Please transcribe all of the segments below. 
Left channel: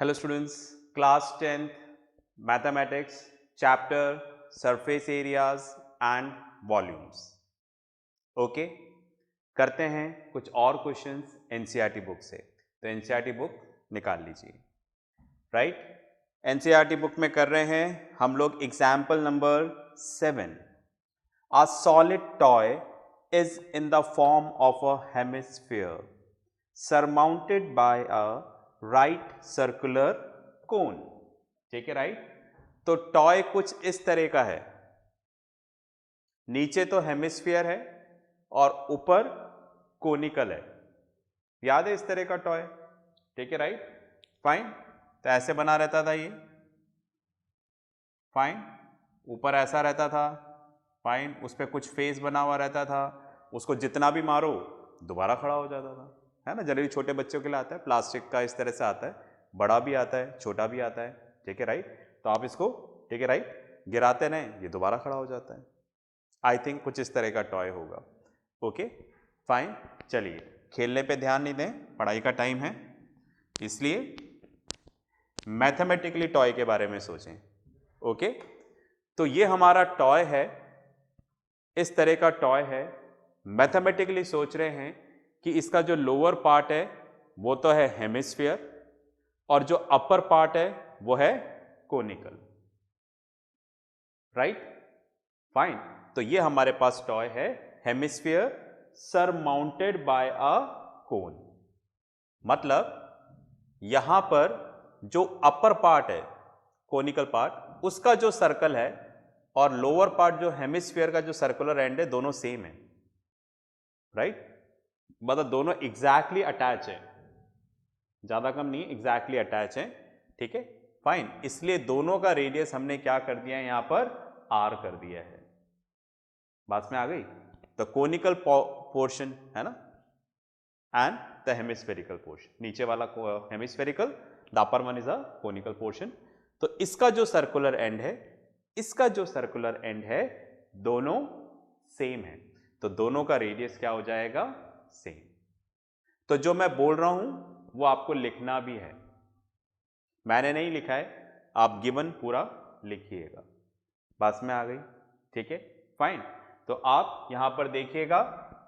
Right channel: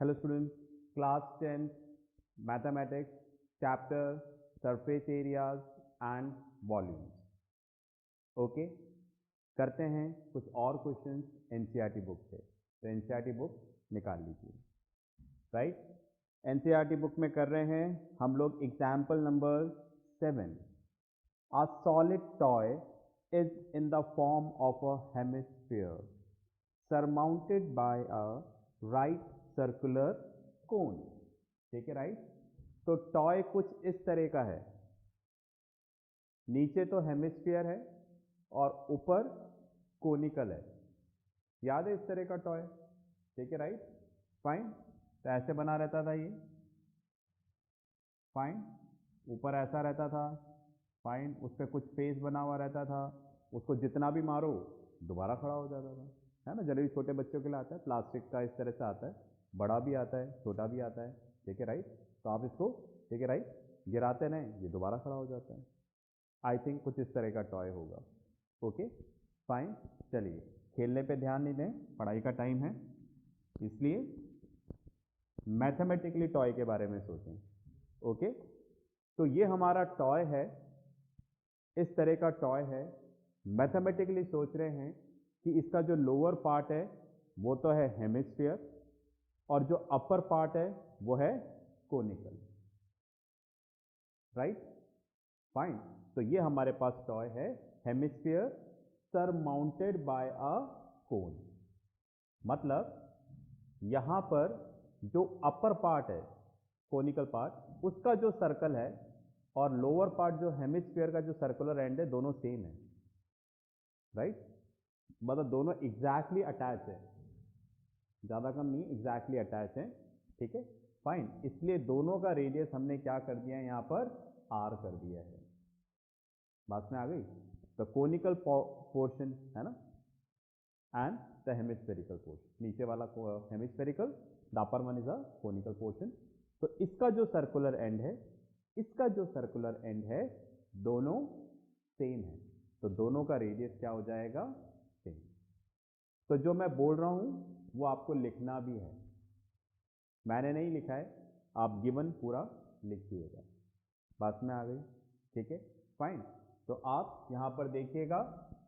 Hello students, class 10th mathematics chapter surface areas and volumes. Okay करते हैं कुछ और क्वेश्चंस एनसीईआरटी बुक से। तो एनसीईआरटी बुक निकाल लीजिए। राइट, एनसीईआरटी बुक में कर रहे हैं हम लोग example number 7। A solid toy is in the form of a hemisphere surmounted by a right circular cone। ठीक है, राइट। तो टॉय कुछ इस तरह का है, नीचे तो हेमिस्फीयर है और ऊपर कोनिकल है। याद है इस तरह का टॉय? ठीक है, राइट, फाइन। तो ऐसे बना रहता था ये, फाइन। ऊपर ऐसा रहता था, फाइन। उस पर कुछ फेस बना हुआ रहता था, उसको जितना भी मारो दोबारा खड़ा हो जाता था, है ना। जनरली छोटे बच्चों के लिए आता है, प्लास्टिक का इस तरह से आता है, बड़ा भी आता है, छोटा भी आता है। ठीक है, राइट। तो आप इसको, ठीक है, राइट, गिराते रहें, ये दोबारा खड़ा हो जाता है। आई थिंक कुछ इस तरह का टॉय होगा। Okay, fine. चलिए, खेलने पे ध्यान नहीं दें, पढ़ाई का टाइम है, इसलिए मैथमेटिकली टॉय के बारे में सोचें। ओके, तो ये हमारा टॉय है, इस तरह का टॉय है। मैथमेटिकली सोच रहे हैं कि इसका जो लोअर पार्ट है वो तो है हेमिस्फीयर और जो अपर पार्ट है वो है कोनिकल। Right, fine. तो ये हमारे पास टॉय है, हेमिस्फीयर सरमाउंटेड बाय अ कोन। मतलब यहां पर जो अपर पार्ट है, कोनिकल पार्ट, उसका जो सर्कल है और लोअर पार्ट जो हेमिस्फीयर का जो सर्कुलर एंड है, दोनों सेम है। राइट, मतलब दोनों एग्जैक्टली अटैच है, ज्यादा कम नहीं, एग्जैक्टली अटैच है। ठीक है, फाइन। इसलिए दोनों का रेडियस हमने क्या कर दिया है, यहां पर आर कर दिया है। बात में आ गई? द कोनिकल पोर्शन है ना, एंड द हेमिस्फेरिकल पोर्शन, नीचे वाला hemispherical, the upper one is a conical portion. तो इसका जो सर्कुलर एंड है, इसका जो सर्कुलर एंड है, दोनों सेम है, तो दोनों का रेडियस क्या हो जाएगा, सेम। तो जो मैं बोल रहा हूं वो आपको लिखना भी है, मैंने नहीं लिखा है, आप गिवन पूरा लिखिएगा। बात में आ गई? ठीक है, फाइन। तो आप यहां पर देखिएगा,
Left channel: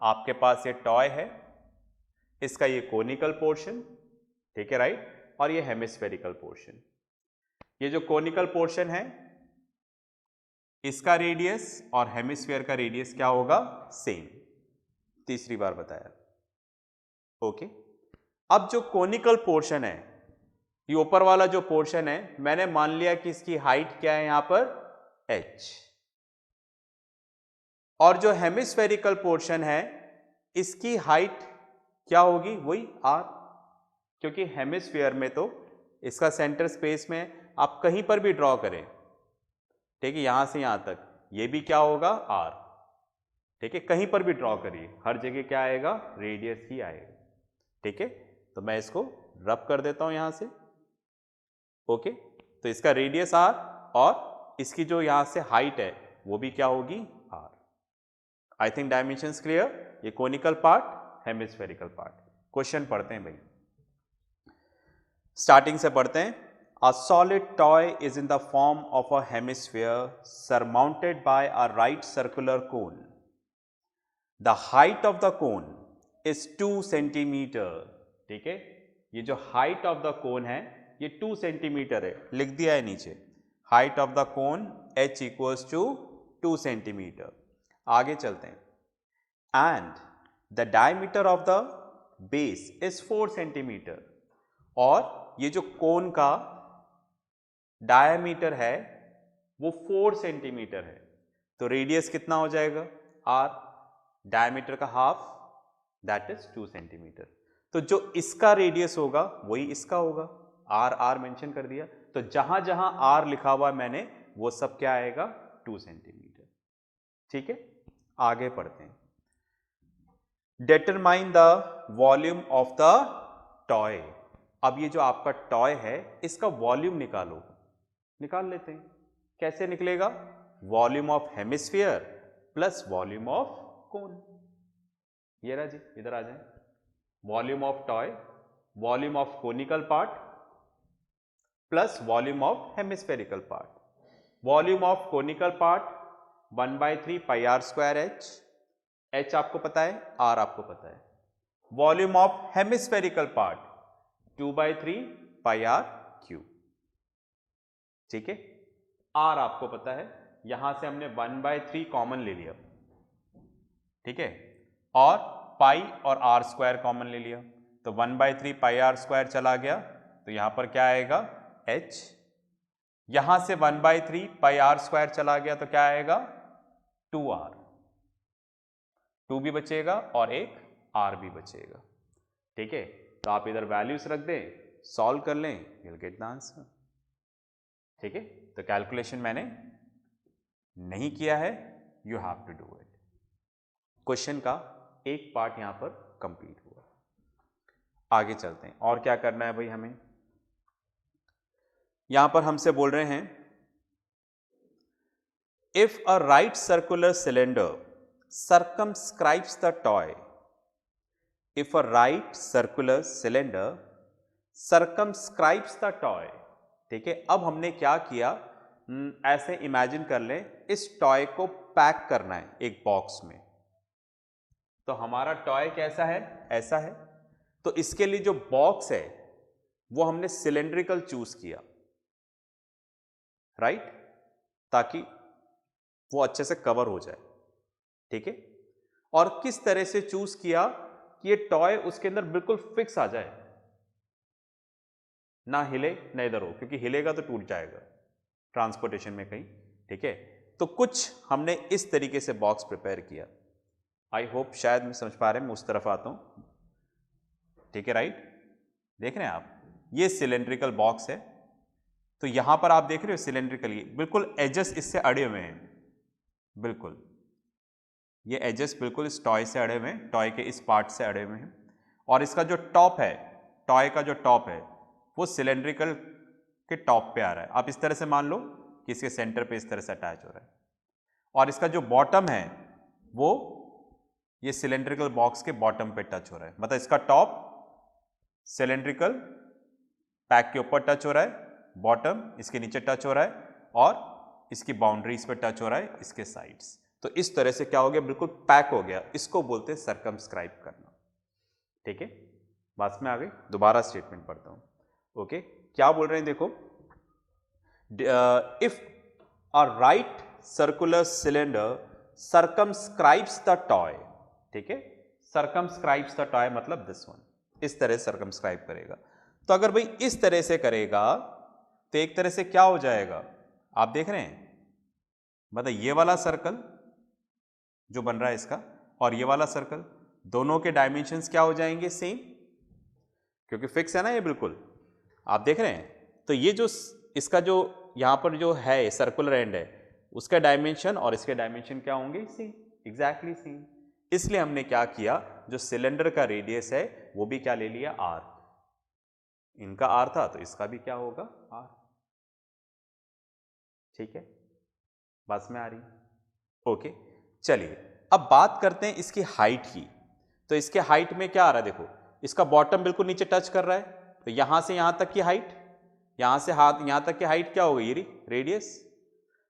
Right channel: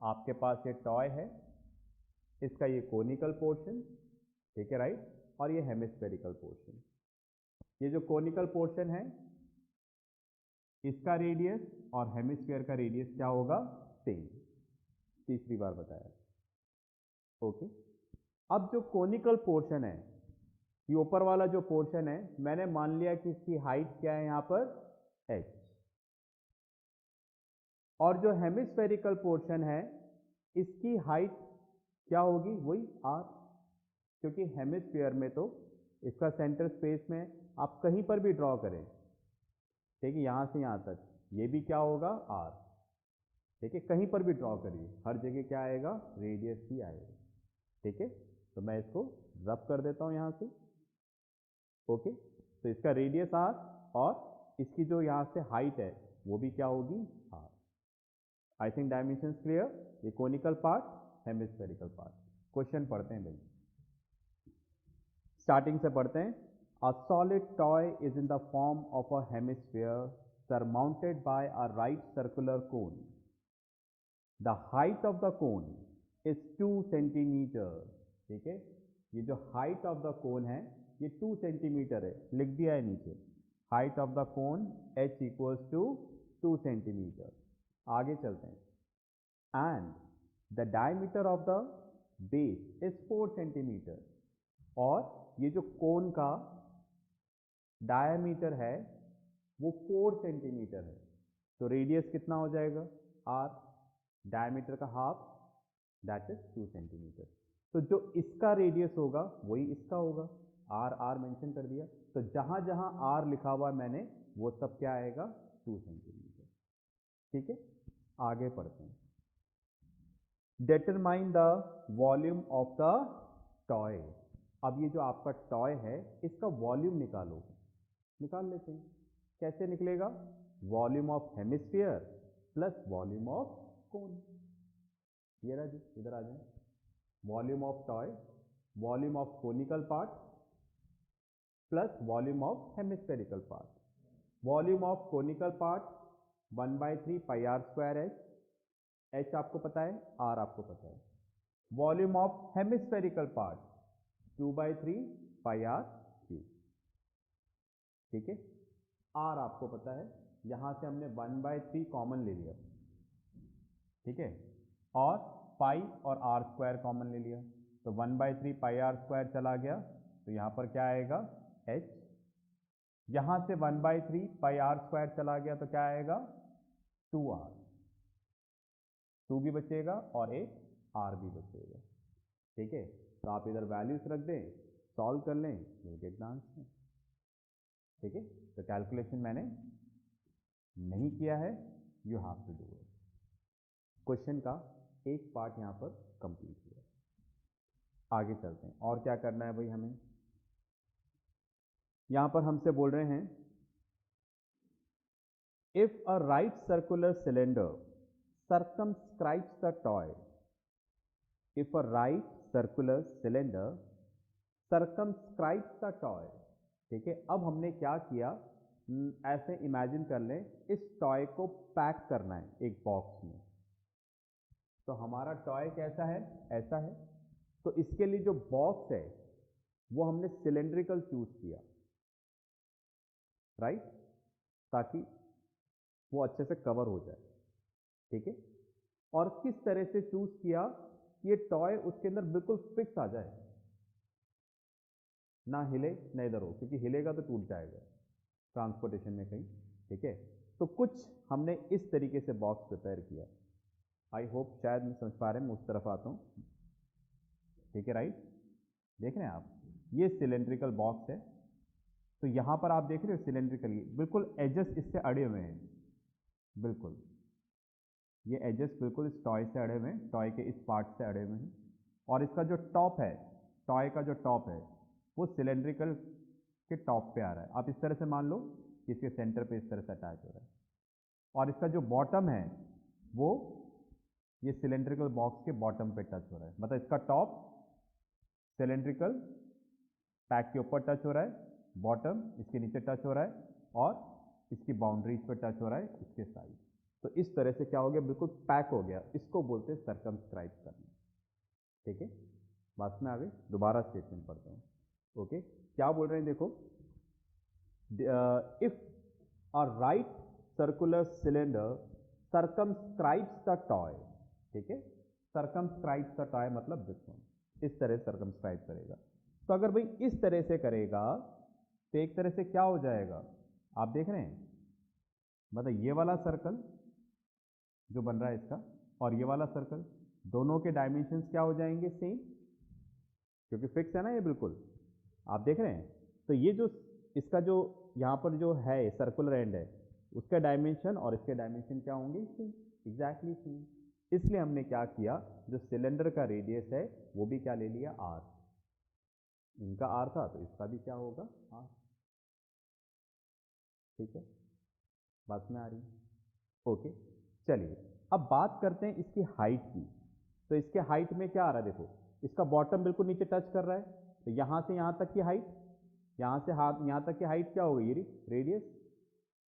आपके पास ये टॉय है, इसका ये कोनिकल पोर्शन, ठीक है, राइट, और ये हेमिस्फेरिकल पोर्शन। ये जो कोनिकल पोर्शन है, इसका रेडियस और हेमिस्फीयर का रेडियस क्या होगा, सेम। तीसरी बार बताया। ओके, अब जो कोनिकल पोर्शन है, ये ऊपर वाला जो पोर्शन है, मैंने मान लिया कि इसकी हाइट क्या है यहां पर, h। और जो हेमिस्फेरिकल पोर्शन है, इसकी हाइट क्या होगी, वही r। क्योंकि हेमिस्फीयर में तो इसका सेंटर स्पेस में आप कहीं पर भी ड्रॉ करें, ठीक है, यहां से यहां तक, ये भी क्या होगा, r। ठीक है, कहीं पर भी ड्रॉ करिए, हर जगह क्या आएगा, रेडियस ही आएगा। ठीक है, तो मैं इसको रब कर देता हूं यहां से। ओके, तो इसका रेडियस r और इसकी जो यहां से हाइट है वो भी क्या होगी, r। I think dimensions clear. ये conical part, hemispherical part. Question पढ़ते हैं भाई, स्टार्टिंग से पढ़ते हैं। A solid toy is in the form of a hemisphere surmounted by a right circular cone. The height of the cone is 2 centimetre. ठीक है, ये जो हाइट ऑफ द कोन है ये 2 सेंटीमीटर है, लिख दिया है नीचे। Height of the cone h equals to 2 centimetre. आगे चलते हैं। And the diameter of the base is 4 centimetre. और ये जो कोन का डायमीटर है वो 4 सेंटीमीटर है, तो रेडियस कितना हो जाएगा, r। डायमीटर का हाफ, दैट इज 2 सेंटीमीटर। तो जो इसका रेडियस होगा वही इसका होगा, r r मेंशन कर दिया। तो जहां जहां r लिखा हुआ है मैंने, वो सब क्या आएगा, 2 सेंटीमीटर। ठीक है, आगे पढ़ते हैं। Determine the volume of the toy. अब ये जो आपका टॉय है, इसका वॉल्यूम निकालो। निकाल लेते हैं, कैसे निकलेगा, volume of hemisphere plus volume of cone. ये रहा जी, इधर आ जाए। Volume of toy, volume of conical part plus volume of hemispherical part. Volume of conical part 1/3 pi r square h, h आपको पता है, आर आपको पता है। Volume of hemispherical part 2/3 pi r cube, ठीक है। आर आपको पता है, यहां से हमने 1/3 कॉमन ले लिया, ठीक है, और पाई और आर स्क्वायर कॉमन ले लिया, तो 1/3 पाई आर स्क्वायर चला गया, तो यहां पर क्या आएगा h। यहां से 1/3 पाई आर स्क्वायर चला गया तो क्या आएगा 2r, 2 भी बचेगा और एक r भी बचेगा, ठीक है। तो आप इधर वैल्यूज रख दें, सॉल्व कर लें, you will get the answer, ठीक है। तो कैलकुलेशन मैंने नहीं किया है, you have to do it. Question का एक पार्ट यहां पर कंप्लीट हुआ। आगे चलते हैं, और क्या करना है भाई हमें। यहां पर हमसे बोल रहे हैं if a right circular cylinder circumscribes the toy, if a right circular cylinder circumscribes the toy, ठीक है। अब हमने क्या किया, ऐसे इमेजिन कर लें इस टॉय को पैक करना है एक बॉक्स में, तो हमारा टॉय कैसा है, ऐसा है। तो इसके लिए जो बॉक्स है वो हमने सिलेंड्रिकल चूज किया, राइट, ताकि वो अच्छे से कवर हो जाए, ठीक है। और किस तरह से चूज किया कि ये टॉय उसके अंदर बिल्कुल फिक्स आ जाए, ना हिले ना इधर हो, क्योंकि हिलेगा तो टूट जाएगा ट्रांसपोर्टेशन में कहीं, ठीक है। तो कुछ हमने इस तरीके से बॉक्स प्रिपेयर किया। आई होप शायद मैं समझ पा रहे हैं, मैं उस तरफ आता हूं, ठीक है, राइट। देख रहे हैं आप, ये सिलेंड्रिकल बॉक्स है, तो यहां पर आप देख रहे हो सिलेंड्रिकल, बिल्कुल एजेस इससे अड़े हुए हैं, बिल्कुल ये एजेस बिल्कुल इस टॉय से अड़े हुए हैं, टॉय के इस पार्ट से अड़े हुए हैं, और इसका जो टॉप है, टॉय का जो टॉप है वो सिलेंड्रिकल के टॉप पे आ रहा है। आप इस तरह से मान लो कि इसके सेंटर पे इस तरह से अटैच हो रहा है, और इसका जो बॉटम है वो ये सिलेंड्रिकल बॉक्स के बॉटम पे टच हो रहा है, मतलब इसका टॉप सिलेंड्रिकल पैक के ऊपर टच हो रहा है, बॉटम इसके नीचे टच हो रहा है, और इसकी बाउंड्रीज पे टच हो रहा है इसके साइड्स। तो इस तरह से क्या हो गया, बिल्कुल पैक हो गया, इसको बोलते हैं सर्कमस्क्राइब करना, ठीक है। बात में आ गई, दोबारा स्टेटमेंट पढ़ता हूं, ओके। क्या बोल रहे हैं देखो, if a right circular cylinder circumscribes the toy, ठीक है, सर्कमस्क्राइब्स द टॉय मतलब दिस वन, इस तरह सर्कमस्क्राइब करेगा। तो अगर भाई इस तरह से करेगा तो एक तरह से क्या हो जाएगा, आप देख रहे हैं, मतलब ये वाला सर्कल जो बन रहा है इसका और ये वाला सर्कल, दोनों के डायमेंशंस क्या हो जाएंगे, सेम, क्योंकि फिक्स है ना ये बिल्कुल, आप देख रहे हैं। तो ये जो इसका जो यहां पर जो है सर्कुलर एंड है, उसका डायमेंशन और इसके डायमेंशन क्या होंगे, सेम, एग्जैक्टली सेम। इसलिए हमने क्या किया, जो सिलेंडर का रेडियस है वो भी क्या ले लिया, आर, इनका आर था तो इसका भी क्या होगा, आर, ठीक है। बात में आ रही, ओके। चलिए अब बात करते हैं इसकी हाइट की। तो इसके हाइट में क्या आ रहा है, देखो इसका बॉटम बिल्कुल नीचे टच कर रहा है, तो यहां से यहां तक की हाइट, यहां से हाथ यहां तक की हाइट क्या हो गई, रेडियस।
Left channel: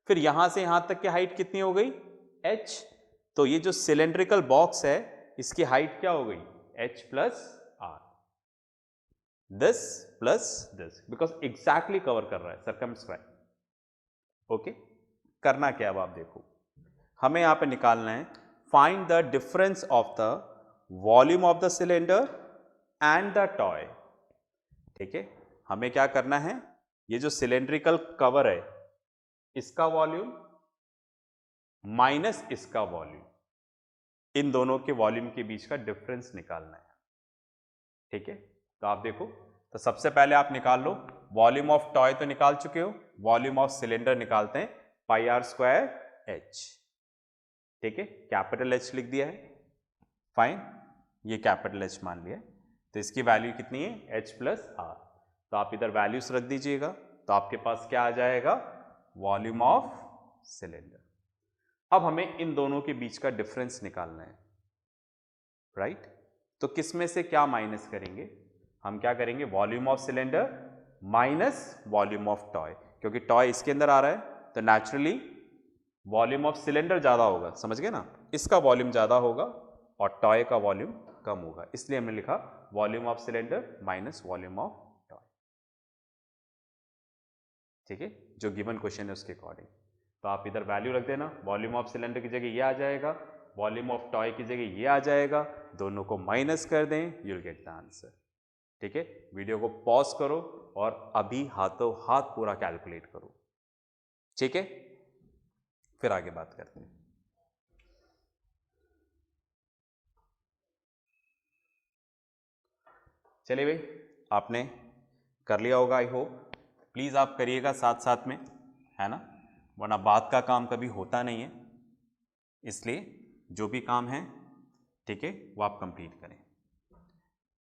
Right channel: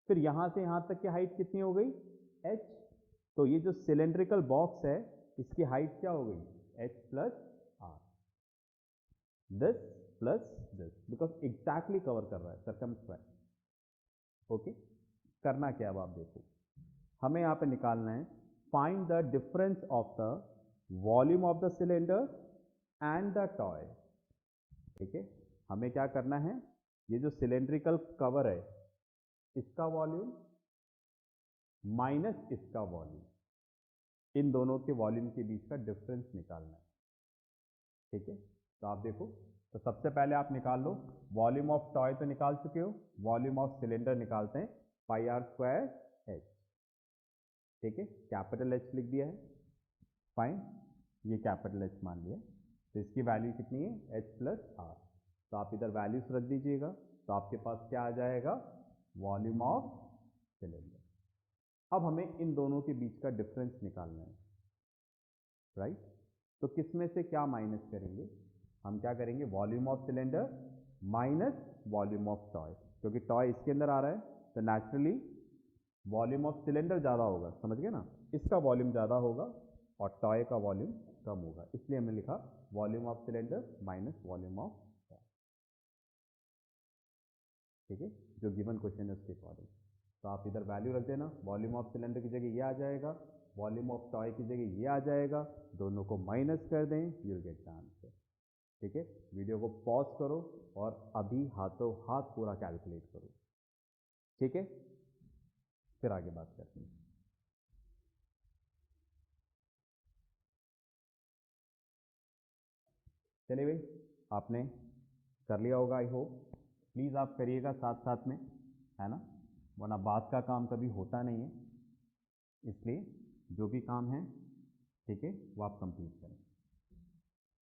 फिर यहां से यहां तक की हाइट कितनी हो गई, h। तो ये जो सिलेंड्रिकल बॉक्स है इसकी हाइट क्या हो गई, h plus r, this plus this, because exactly cover कर रहा है, सर्कमस्क्राइब, ओके। करना क्या, अब आप देखो, हमें यहां पे निकालना है find the difference of the volume of the cylinder and the toy, ठीक है। हमें क्या करना है, ये जो सिलेंड्रिकल कवर है इसका वॉल्यूम माइनस इसका वॉल्यूम, इन दोनों के वॉल्यूम के बीच का डिफरेंस निकालना है, ठीक है। तो आप देखो, तो सबसे पहले आप निकाल लो, वॉल्यूम ऑफ टॉय तो निकाल चुके हो, वॉल्यूम ऑफ सिलेंडर निकालते हैं, पाई आर स्क्वायर एच, ठीक है, कैपिटल एच लिख दिया है, फाइन, ये कैपिटल एच मान लिया, तो इसकी वैल्यू कितनी है, एच प्लस आर। तो आप इधर वैल्यूज रख दीजिएगा, तो आपके पास क्या आ जाएगा, वॉल्यूम ऑफ सिलेंडर। अब हमें इन दोनों के बीच का डिफरेंस निकालना है, राइट। तो किस में से क्या माइनस करेंगे, हम क्या करेंगे, volume of cylinder minus volume of toy, क्योंकि टॉय इसके अंदर आ रहा है तो नेचुरली वॉल्यूम ऑफ सिलेंडर ज़्यादा होगा, समझ गए ना, इसका वॉल्यूम ज़्यादा होगा और टॉय का वॉल्यूम कम होगा, इसलिए हमने लिखा volume of cylinder minus volume of toy. ठीक है, जो गिवन क्वेश्चन है उसके अकॉर्डिंग। तो आप इधर वैल्यू रख देना, वॉल्यूम ऑफ सिलेंडर की जगह ये आ जाएगा, वॉल्यूम ऑफ टॉय की जगह ये आ जाएगा, दोनों को माइनस कर दें, you will get the answer. ठीक है, वीडियो को पॉज करो और अभी हाथों हाथ पूरा कैलकुलेट करो। ठीक है, फिर आगे बात करते हैं। चलिए भाई, आपने कर लिया होगा आई होप, प्लीज़ आप करिएगा साथ साथ में, है ना, वरना बात का काम कभी होता नहीं है, इसलिए जो भी काम है, ठीक है, वो आप कंप्लीट करें।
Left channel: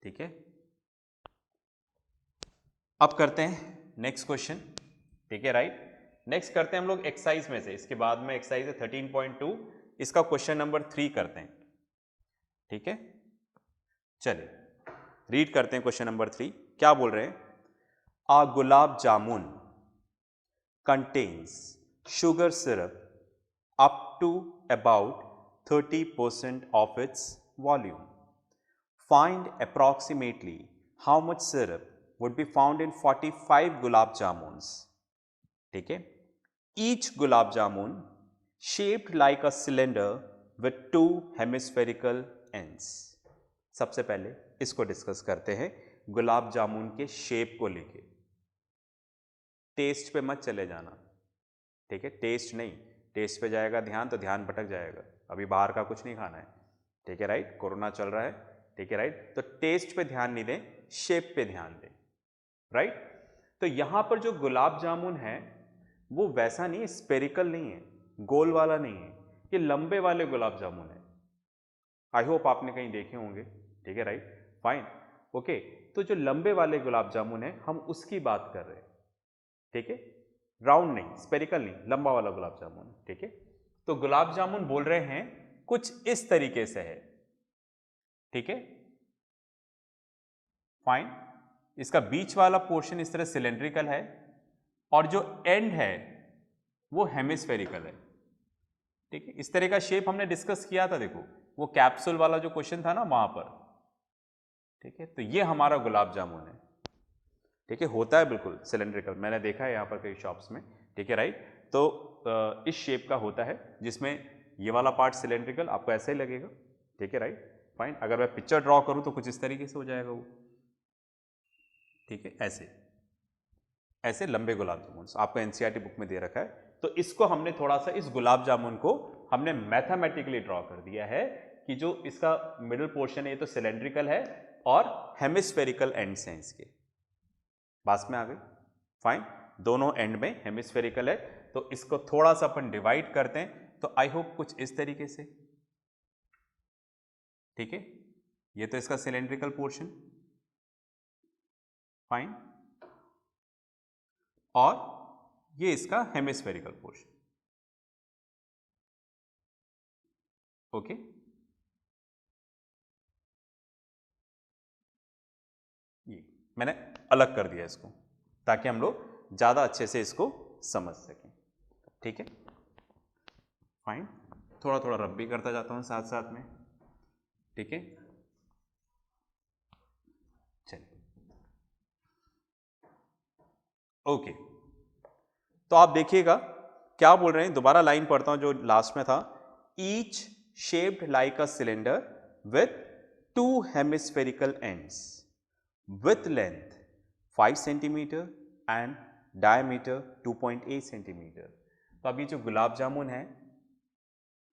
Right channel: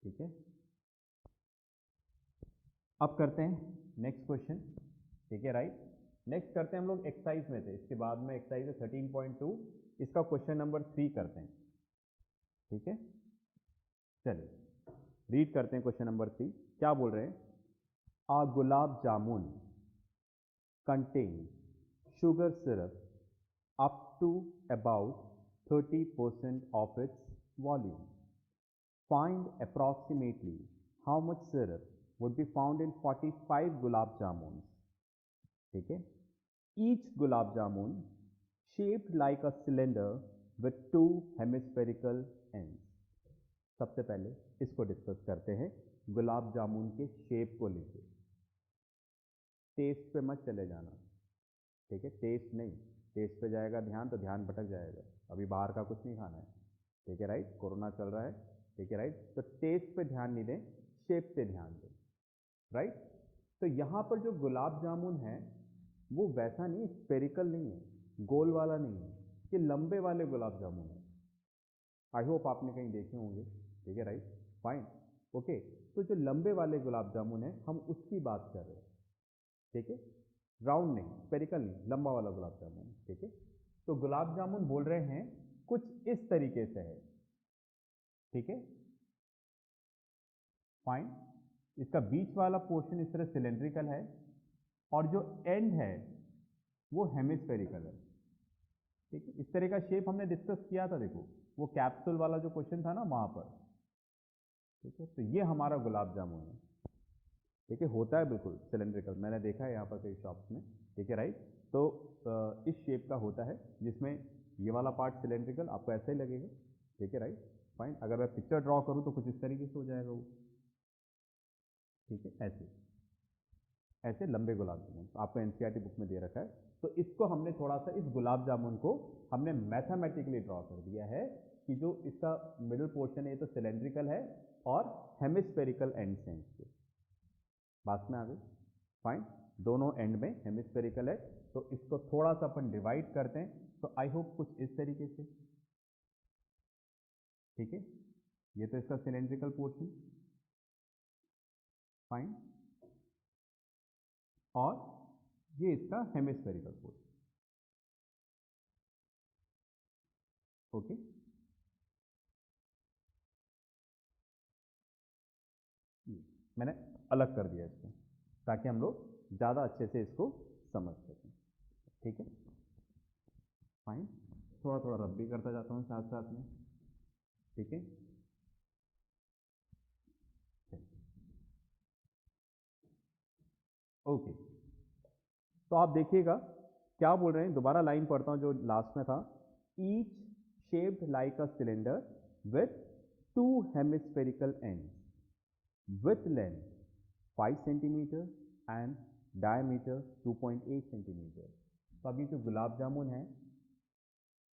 ठीक है, अब करते हैं नेक्स्ट क्वेश्चन। ठीक है, राइट, नेक्स्ट करते हैं हम लोग एक्सरसाइज में से, इसके बाद में एक्सरसाइज है 13.2, इसका क्वेश्चन नंबर 3 करते हैं। ठीक है, चलिए रीड करते हैं क्वेश्चन नंबर 3, क्या बोल रहे हैं, आ gulab jamun contains sugar syrup up to about 30% of its volume. Find approximately how much syrup would be found in 45 gulab jamuns. ठीक है, each gulab jamun shaped like a cylinder with 2 hemispherical ends. सबसे पहले इसको discuss करते हैं, गुलाब जामुन के shape को लेके। टेस्ट पे मत चले जाना, ठीक है, टेस्ट नहीं, टेस्ट पे जाएगा ध्यान तो ध्यान भटक जाएगा, अभी बाहर का कुछ नहीं खाना है। ठीक है, राइट, कोरोना चल रहा है। ठीक है, राइट, तो टेस्ट पे ध्यान नहीं दें, शेप पे ध्यान दें। राइट, तो यहां पर जो गुलाब जामुन है वो वैसा नहीं है, स्पेरिकल नहीं है, गोल वाला नहीं है, ये लंबे वाले गुलाब जामुन है। आई होप आपने कहीं देखे होंगे। ठीक है, राइट, फाइन, ओके, तो जो लंबे वाले गुलाब जामुन है हम उसकी बात कर रहे हैं। ठीक है, राउंड नहीं, स्पेरिकल नहीं, लंबा वाला गुलाब जामुन। ठीक है, तो गुलाब जामुन बोल रहे हैं कुछ इस तरीके से है। ठीक है, फाइन, इसका बीच वाला पोर्शन इस तरह सिलेंड्रिकल है और जो एंड है वो हेमिस्फेरिकल है। ठीक है, इस तरह का शेप हमने डिस्कस किया था, देखो वो कैप्सूल वाला जो क्वेश्चन था ना वहां पर। ठीक है, तो ये हमारा गुलाब जामुन है। ठीक है, होता है बिल्कुल सिलेंड्रिकल, मैंने देखा है यहाँ पर कई शॉप्स में। ठीक है, राइट, तो इस शेप का होता है जिसमें ये वाला पार्ट सिलेंड्रिकल आपको ऐसे ही लगेगा। ठीक है, राइट, फाइन, अगर मैं पिक्चर ड्रॉ करूँ तो कुछ इस तरीके से हो जाएगा वो। ठीक है, ऐसे ऐसे लंबे गुलाब जामुन आपको एनसीईआरटी बुक में दे रखा है, तो इसको हमने थोड़ा सा, इस गुलाब जामुन को हमने मैथमेटिकली ड्रॉ कर दिया है कि जो इसका मिडिल पोर्शन है ये तो सिलेंड्रिकल है और हेमिस्फेरिकल एंड्स हैं इसके। पास में आ गई, फाइन, दोनों एंड में हेमिस्फेरिकल है, तो इसको थोड़ा सा अपन डिवाइड करते हैं, तो आई होप कुछ इस तरीके से। ठीक है, ये तो इसका सिलेंड्रिकल पोर्शन, फाइन, और ये इसका हेमिस्फेरिकल पोर्शन। ओके, ये मैंने अलग कर दिया इसको ताकि हम लोग ज़्यादा अच्छे से इसको समझ सकें। ठीक है, फाइन, थोड़ा थोड़ा रब भी करता जाता हूँ साथ साथ में। ठीक है, चलिए, ओके, तो आप देखिएगा क्या बोल रहे हैं, दोबारा लाइन पढ़ता हूं जो लास्ट में था, each shaped like a cylinder with 2 hemispherical ends with length 5 centimetre and diameter 2.8 centimetre. तो अभी जो गुलाब जामुन है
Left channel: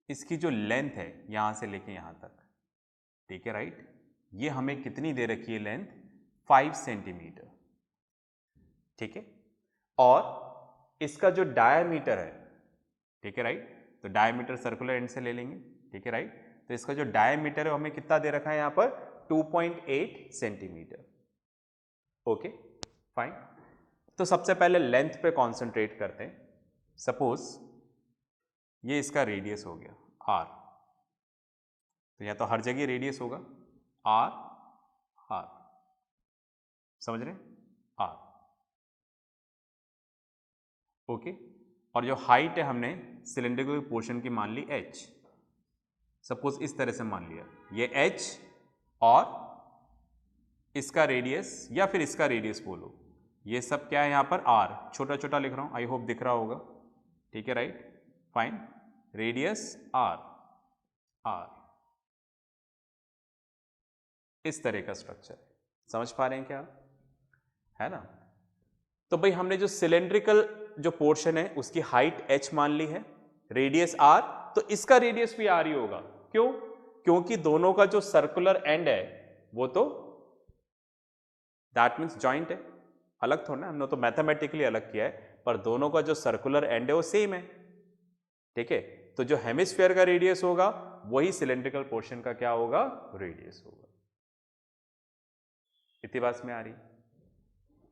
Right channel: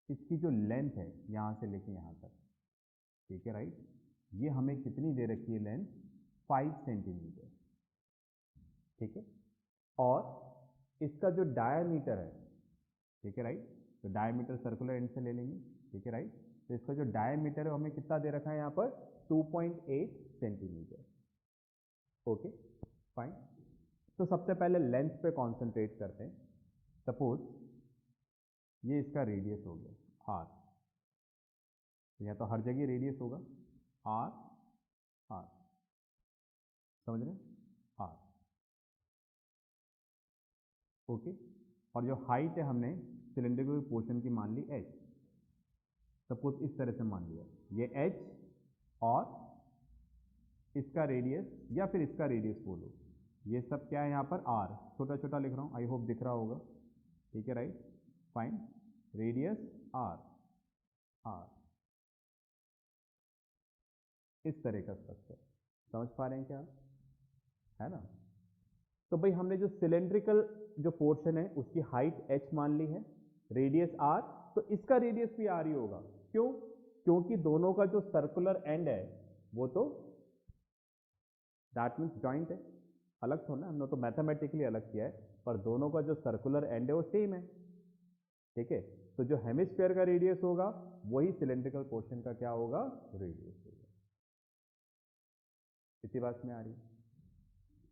इसकी जो लेंथ है यहां से लेके यहां तक, ठीक है, राइट, ये हमें कितनी दे रखी है लेंथ, 5 सेंटीमीटर। ठीक है, और इसका जो डायमीटर है, ठीक है, राइट, तो डायमीटर सर्कुलर एंड से ले लेंगे। ठीक है, राइट, तो इसका जो डायमीटर है हमें कितना दे रखा है यहां पर, 2.8 सेंटीमीटर। ओके, फाइन, तो सबसे पहले लेंथ पे कॉन्सेंट्रेट करते हैं। सपोज ये इसका रेडियस हो गया आर, तो या तो हर जगह रेडियस होगा आर, आर, समझ रहे हैं, आर, ओके, और जो हाइट है हमने सिलेंड्रिकल पोर्शन की मान ली h, सपोज इस तरह से मान लिया ये h और इसका रेडियस या फिर इसका रेडियस बोलो, ये सब क्या है यहाँ पर r, छोटा छोटा लिख रहा हूँ, आई होप दिख रहा होगा, ठीक है, राइट, फाइन, रेडियस r, इस तरह का स्ट्रक्चर, समझ पा रहे हैं क्या, है ना। तो भाई हमने जो सिलेंड्रिकल जो पोर्शन है उसकी हाइट h मान ली है, रेडियस r, तो इसका रेडियस भी r ही होगा, क्यों, क्योंकि दोनों का जो सर्कुलर एंड है वो तो दैट मीन्स जॉइंट है, अलग थोड़ा ना, हमने तो मैथमेटिकली अलग किया है, पर दोनों का जो सर्कुलर एंड है वो सेम है, ठीक है। तो जो हेमिस्फीयर का रेडियस होगा वही सिलेंड्रिकल पोर्शन का क्या होगा, रेडियस होगा। इतनी बात में आ रही,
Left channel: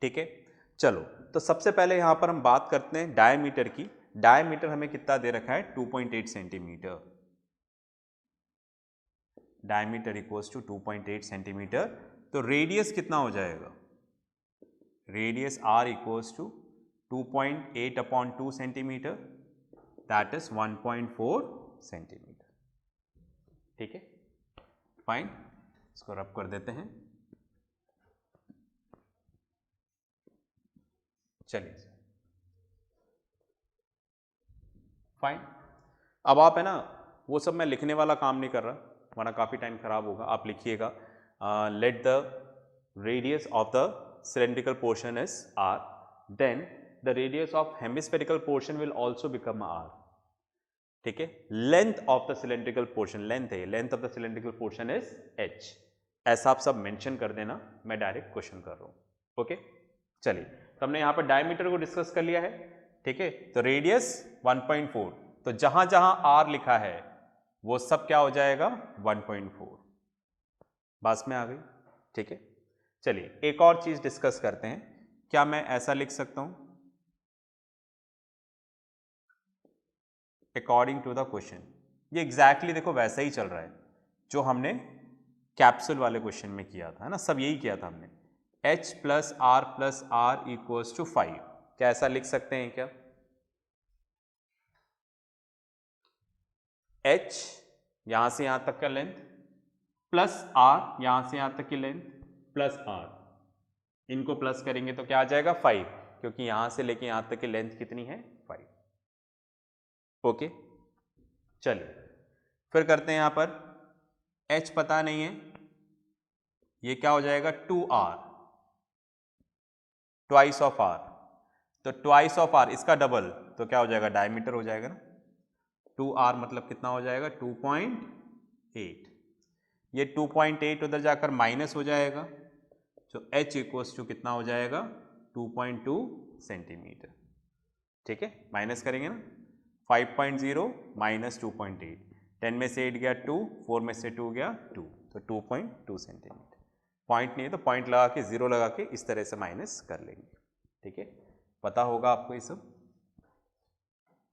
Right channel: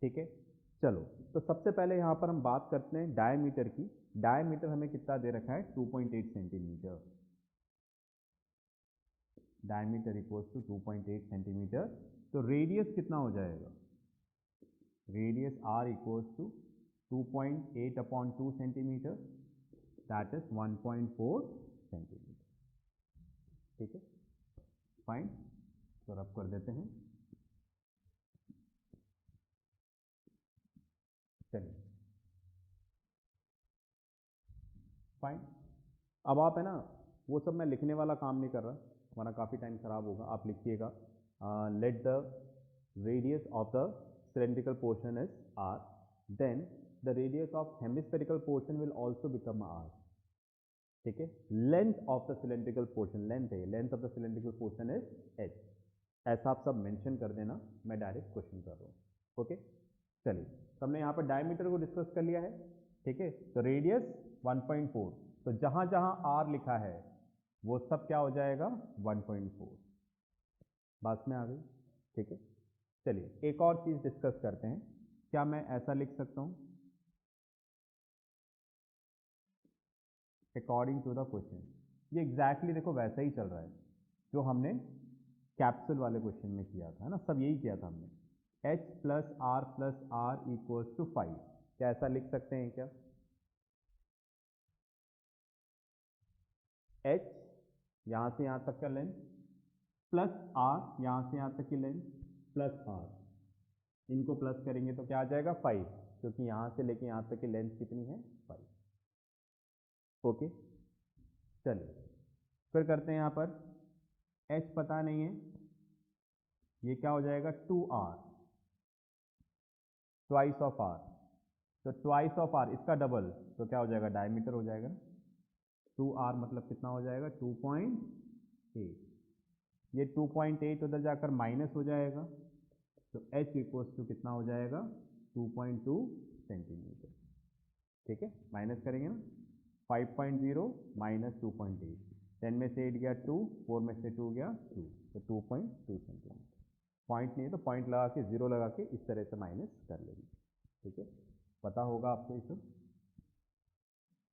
ठीक है। चलो, तो सबसे पहले यहां पर हम बात करते हैं डायमीटर की। डायमीटर हमें कितना दे रखा है, 2.8 centimetre. Diameter equals to 2.8 centimetre. तो रेडियस कितना हो जाएगा, radius r equals to 2.8 upon 2 centimetre, that is 1.4 centimetre, ठीक है, फाइन। इसको रब कर देते हैं, चलिए फाइन। अब आप है ना, वो सब मैं लिखने वाला काम नहीं कर रहा वरना काफ़ी टाइम खराब होगा, आप लिखिएगा let the radius of the cylindrical portion is r, then the radius of hemispherical portion will also become r, ठीक है। length of the cylindrical portion, length है, length of the cylindrical portion is h, ऐसा आप सब mention कर देना, मैं direct question कर रहा हूँ, ओके। चलिए, तो हमने यहाँ पर डायमीटर को डिस्कस कर लिया है, ठीक है। तो रेडियस 1.4, तो जहां जहां r लिखा है वो सब क्या हो जाएगा, 1.4, बात में आ गई, ठीक है। चलिए, एक और चीज डिस्कस करते हैं, क्या मैं ऐसा लिख सकता हूं, अकॉर्डिंग टू द क्वेश्चन, ये एग्जैक्टली देखो वैसा ही चल रहा है जो हमने कैप्सूल वाले क्वेश्चन में किया था, है ना, सब यही किया था हमने, h plus r equals to 5, क्या ऐसा लिख सकते हैं क्या, h यहां से यहां तक का लेंथ प्लस r यहां से यहां तक की लेंथ प्लस r, इनको प्लस करेंगे तो क्या आ जाएगा 5, क्योंकि यहां से लेके यहां तक की लेंथ कितनी है 5, ओके। चलिए फिर करते हैं, यहां पर h पता नहीं है, ये क्या हो जाएगा 2r, ट्वाइस ऑफ r, तो ट्वाइस ऑफ r इसका डबल, तो क्या हो जाएगा, डायमीटर हो जाएगा ना, 2r मतलब कितना हो जाएगा 2.8, ये 2.8 उधर जाकर माइनस हो जाएगा, तो h इक्वल्स टू कितना हो जाएगा 2.2 सेंटीमीटर, ठीक है, माइनस करेंगे ना, 5.0 माइनस 2.8, 10 में से 8 गया 2, 4 में से 2 गया 2, तो 2.2 सेंटीमीटर, पॉइंट नहीं है तो पॉइंट लगा के, जीरो लगा के इस तरह से माइनस कर लेंगे, ठीक है, पता होगा आपको ये सब,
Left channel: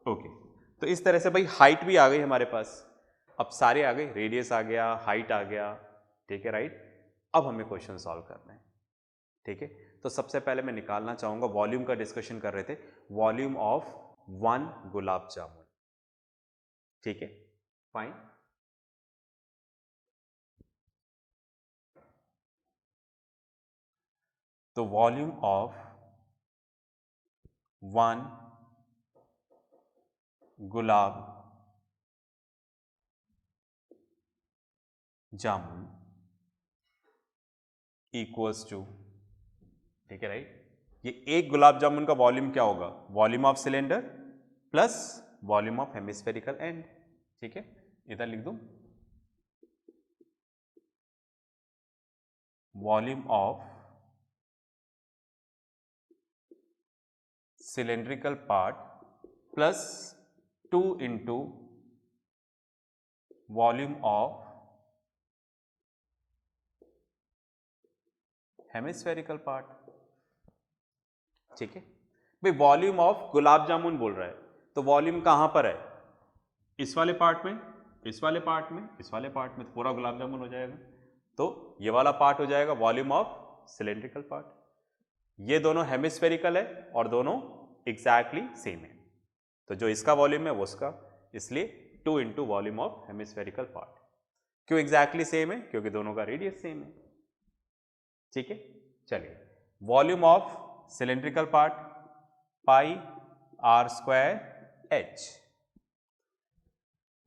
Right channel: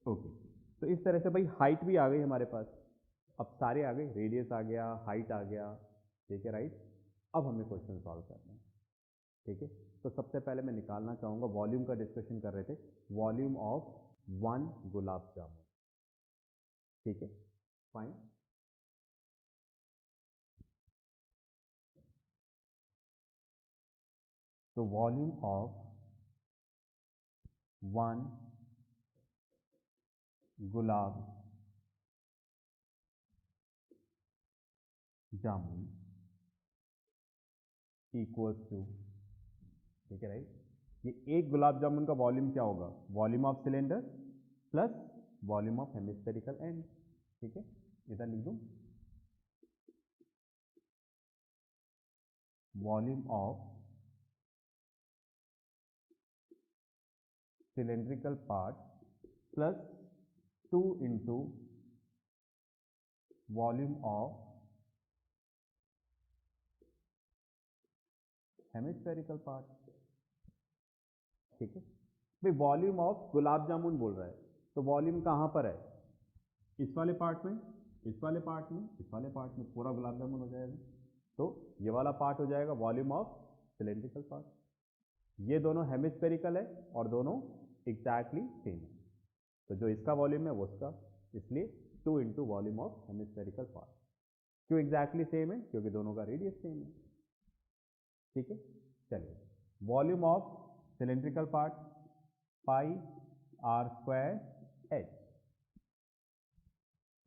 ओके। तो इस तरह से भाई हाइट भी आ गई हमारे पास, अब सारे आ गए, रेडियस आ गया, हाइट आ गया, ठीक है, राइट। अब हमें क्वेश्चन सॉल्व करना है, ठीक है। तो सबसे पहले मैं निकालना चाहूंगा, वॉल्यूम का डिस्कशन कर रहे थे, वॉल्यूम ऑफ 1 गुलाब जामुन, ठीक है, फाइन। तो volume of 1 gulab jamun equals to, ठीक है, राइट, ये एक गुलाब जामुन का वॉल्यूम क्या होगा, volume of cylinder plus volume of hemispherical and, ठीक है, इधर लिख दूं, volume of cylindrical part plus 2 into volume of hemispherical part, ठीक है। भाई वॉल्यूम ऑफ गुलाब जामुन बोल रहा है, तो वॉल्यूम कहां पर है, इस वाले पार्ट में, इस वाले पार्ट में, इस वाले पार्ट में, तो पूरा गुलाब जामुन हो जाएगा, तो ये वाला पार्ट हो जाएगा वॉल्यूम ऑफ सिलेंड्रिकल पार्ट, ये दोनों हेमिस्फेरिकल है और दोनों एग्जैक्टली सेम है, तो जो इसका वॉल्यूम है वो उसका, इसलिए 2 into volume of hemispherical part. क्यों एग्जैक्टली सेम है? क्योंकि दोनों का रेडियस सेम है। ठीक है, चलिए volume of cylindrical part pi r square h,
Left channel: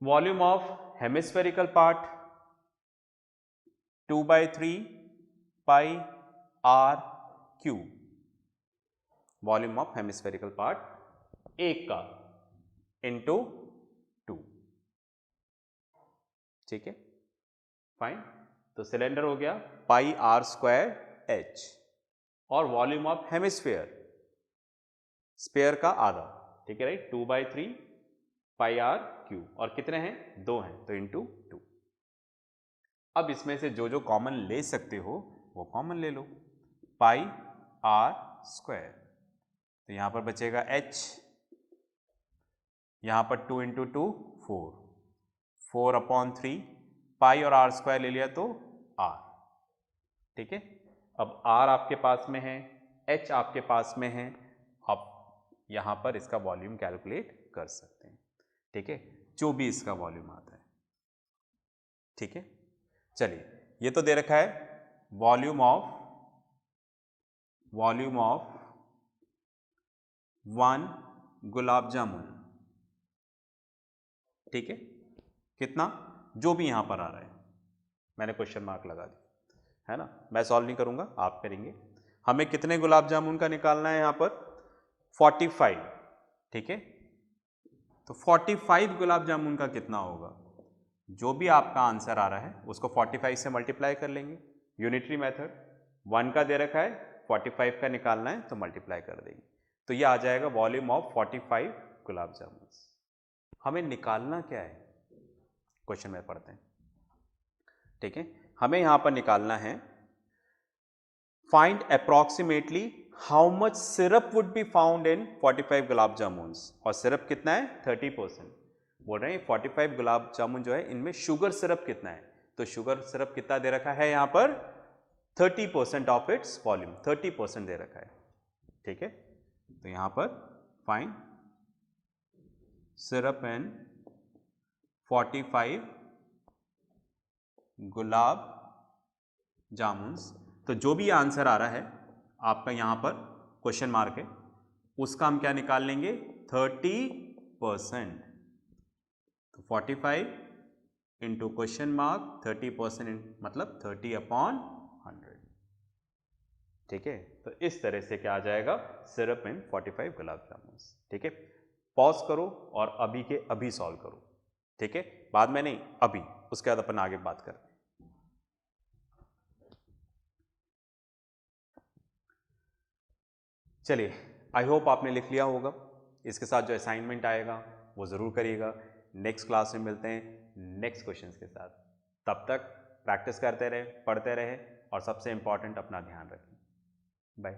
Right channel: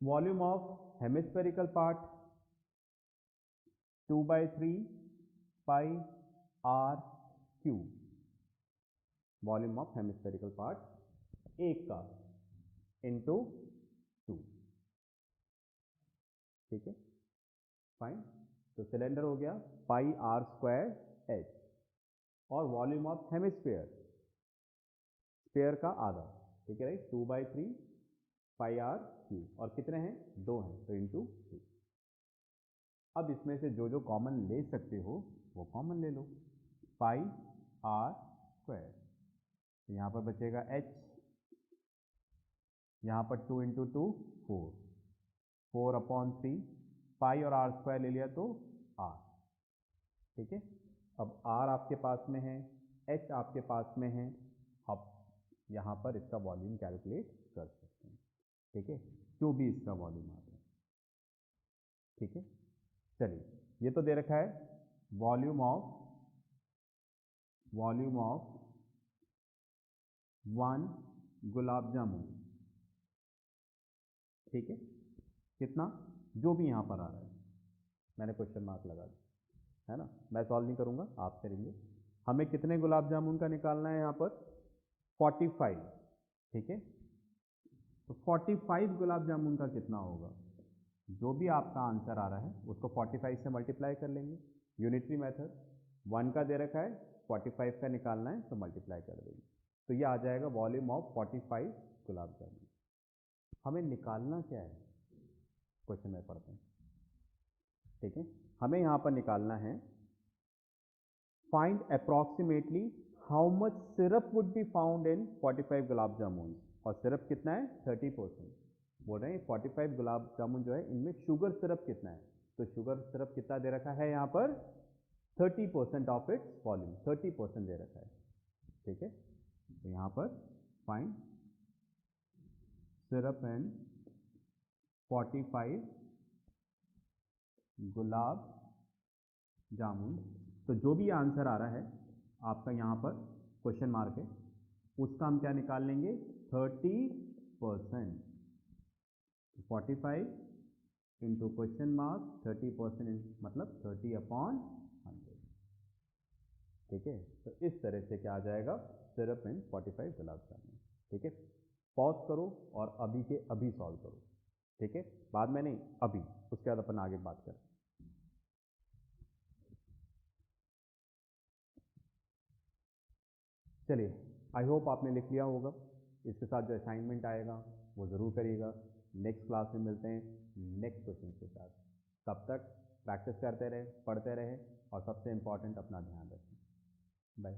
volume of hemispherical part 2/3 pi r cube, volume of hemispherical part एक का इंटू 2। ठीक है, फाइन। तो सिलेंडर हो गया पाई आर स्क्वायर एच, और वॉल्यूम ऑफ हेमिस्फेयर, स्पेयर का आधा, ठीक है राइट, 2/3 पाई आर क्यूब, और कितने हैं? 2 हैं, तो इंटू 2। अब इसमें से जो जो कॉमन ले सकते हो वो कॉमन ले लो, पाई आर स्क्वायर, तो यहां पर बचेगा h, यहां पर 2 इंटू 2 4, 4/3, पाई और आर स्क्वायर ले लिया तो r। ठीक है, अब r आपके पास में है, h आपके पास में है, आप यहां पर इसका वॉल्यूम कैलकुलेट कर सकते हैं। ठीक है, जो भी इसका वॉल्यूम आता है। ठीक है, चलिए ये तो दे रखा है वॉल्यूम ऑफ 1 गुलाब जामुन। ठीक है, कितना? जो भी यहां पर आ रहा है, मैंने क्वेश्चन मार्क लगा दिया है ना, मैं सॉल्व नहीं करूंगा, आप करेंगे। हमें कितने गुलाब जामुन का निकालना है? यहां पर 45। ठीक है, तो 45 गुलाब जामुन का कितना होगा? जो भी आपका आंसर आ रहा है उसको 45 से मल्टीप्लाई कर लेंगे, यूनिटरी मेथड। 1 का दे रखा है, 45 का निकालना है तो मल्टीप्लाई कर देंगे, तो ये आ जाएगा वॉल्यूम ऑफ 45 गुलाब जामुन। हमें निकालना क्या है? क्वेश्चन में पढ़ते हैं। ठीक है, हमें यहां पर निकालना है find approximately how much syrup would be found in 45 गुलाब जामुन्स, और सिरप कितना है? 30%। बोल रहे हैं 45 गुलाब जामुन जो है इनमें शुगर सिरप कितना है, तो शुगर सिरप कितना दे रखा है यहां पर? 30% ऑफ इट्स वॉल्यूम, 30% दे रखा है। ठीक है, तो यहां पर फाइंड सिरप इन 45 गुलाब जामुन्स, तो जो भी आंसर आ रहा है आपका यहां पर क्वेश्चन मार्क है, उसका हम क्या निकाल लेंगे? 30%। तो 45 इंटू क्वेश्चन मार्क 30%, मतलब 30/100। ठीक है, तो इस तरह से क्या आ जाएगा? सिरप इन 45 गुलाब जामुन। ठीक है, पॉज करो और अभी के अभी सॉल्व करो। ठीक है, बाद में नहीं, अभी, उसके बाद अपन आगे बात करते हैं। चलिए, आई होप आपने लिख लिया होगा। इसके साथ जो असाइनमेंट आएगा वो ज़रूर करिएगा। नेक्स्ट क्लास में मिलते हैं नेक्स्ट क्वेश्चंस के साथ। तब तक प्रैक्टिस करते रहे, पढ़ते रहे, और सबसे इम्पॉर्टेंट अपना ध्यान रखें। बाय।